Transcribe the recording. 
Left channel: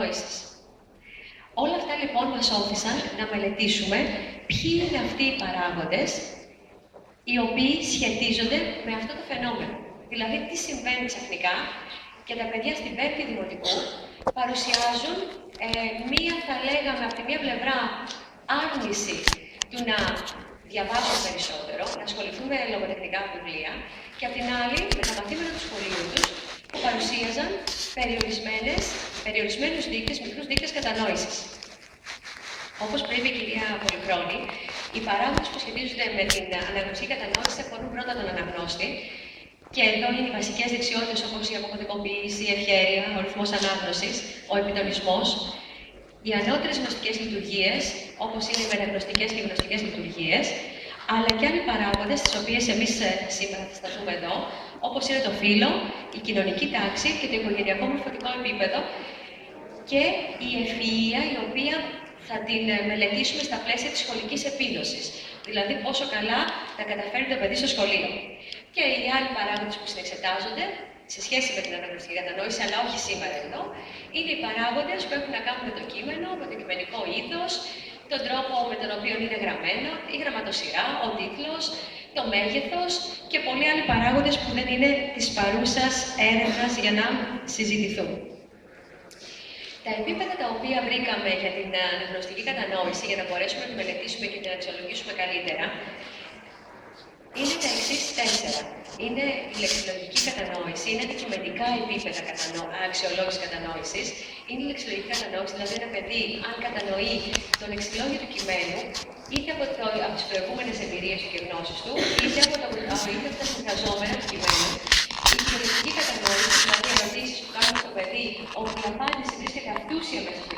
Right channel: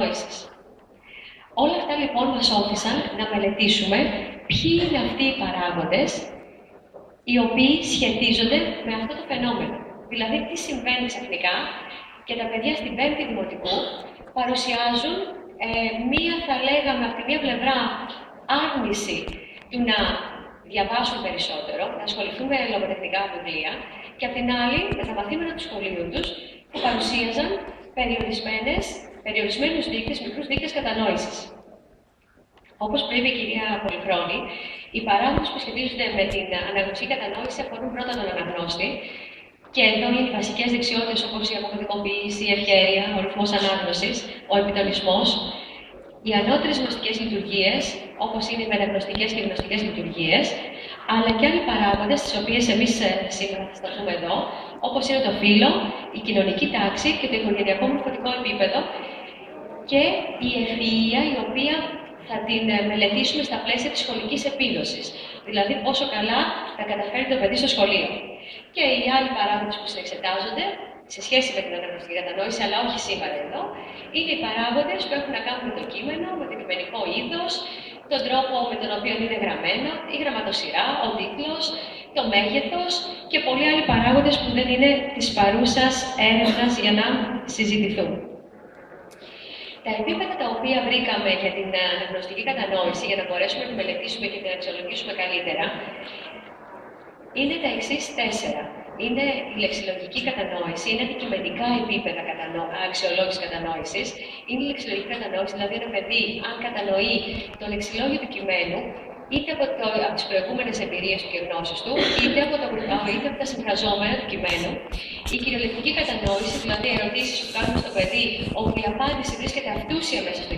κατανόησης. Όλα αυτά λοιπόν μας όθησαν να μελετήσουμε ποιοι είναι αυτοί οι παράγοντες οι οποίοι σχετίζονται με αυτό το φαινόμενο. Δηλαδή, τι συμβαίνει ξαφνικά και τα παιδιά στην 5η Δημοτικού παρουσιάζουν μία, θα λέγαμε, από τη μία πλευρά άρνηση του να διαβάσουν περισσότερο, να ασχοληθούν με λογοτεχνικά βιβλία, και από την άλλη με τα μαθήματα του σχολείου τους που παρουσίαζαν περιορισμένους δείκτες, μικρούς δείκτες κατανόησης. Όπως πριν η κυρία Πολυχρόνη, οι παράγοντες που σχετίζονται με την αναγνωστική κατανόηση αφορούν πρώτα τον αναγνώστη, και εδώ είναι οι βασικές δεξιότητες όπως η αποκωδικοποίηση, η ευχέρεια, ο ρυθμός ανάγνωσης, ο επιτονισμός, οι ανώτερες γνωστικές λειτουργίες, όπως είναι οι μεταγνωστικές και γνωστικές λειτουργίες, αλλά και άλλοι παράγοντες, τις οποίες εμείς σήμερα θα σταθούμε εδώ, όπως είναι το φύλο, η κοινωνική τάξη και το οικογενειακό μορφωτικό επίπεδο και η ευφυΐα, η οποία θα την μελετήσουμε στα πλαίσια της σχολικής επίδοσης. Δηλαδή, πόσο καλά θα καταφέρει το παιδί στο σχολείο. Και οι άλλοι παράγοντες που συνεξετάζονται, σε σχέση με την αναγνωστική κατανόηση, αλλά όχι σήμερα εδώ, είναι οι παράγοντες που έχουν να κάνουν με το κείμενο, με το κειμενικό είδος, τον τρόπο με τον οποίο είναι γραμμένο, η γραμματοσυρά, ο τίτλος, το μέγεθος και πολλοί άλλοι παράγοντες που δεν είναι της παρούσας έρευνας για να συζητηθούν. Τα επίπεδα τα οποία βρήκαμε για την αναγνωστική κατανόηση, για να μπορέσουμε να μελετήσουμε και να αξιολογήσουμε καλύτερα, είναι τα εξής 4. Είναι η λεξιλογική κατανόηση, είναι αντικειμενικά επίπεδα αξιολόγηση κατανόησης. Είναι η λεξιλογική κατανόηση, δηλαδή ένα παιδί, αν κατανοεί το λεξιλόγιο του κειμένου, είτε από τις προηγούμενες εμπειρίες του και γνώσεις του, είτε από τα συμφραζόμενα του κειμένου. Η κυριολεκτική κατανόηση, δηλαδή ερωτήσεις που κάνουμε στο παιδί, όπου η απάντηση βρίσκεται αυτούσια μέσα στο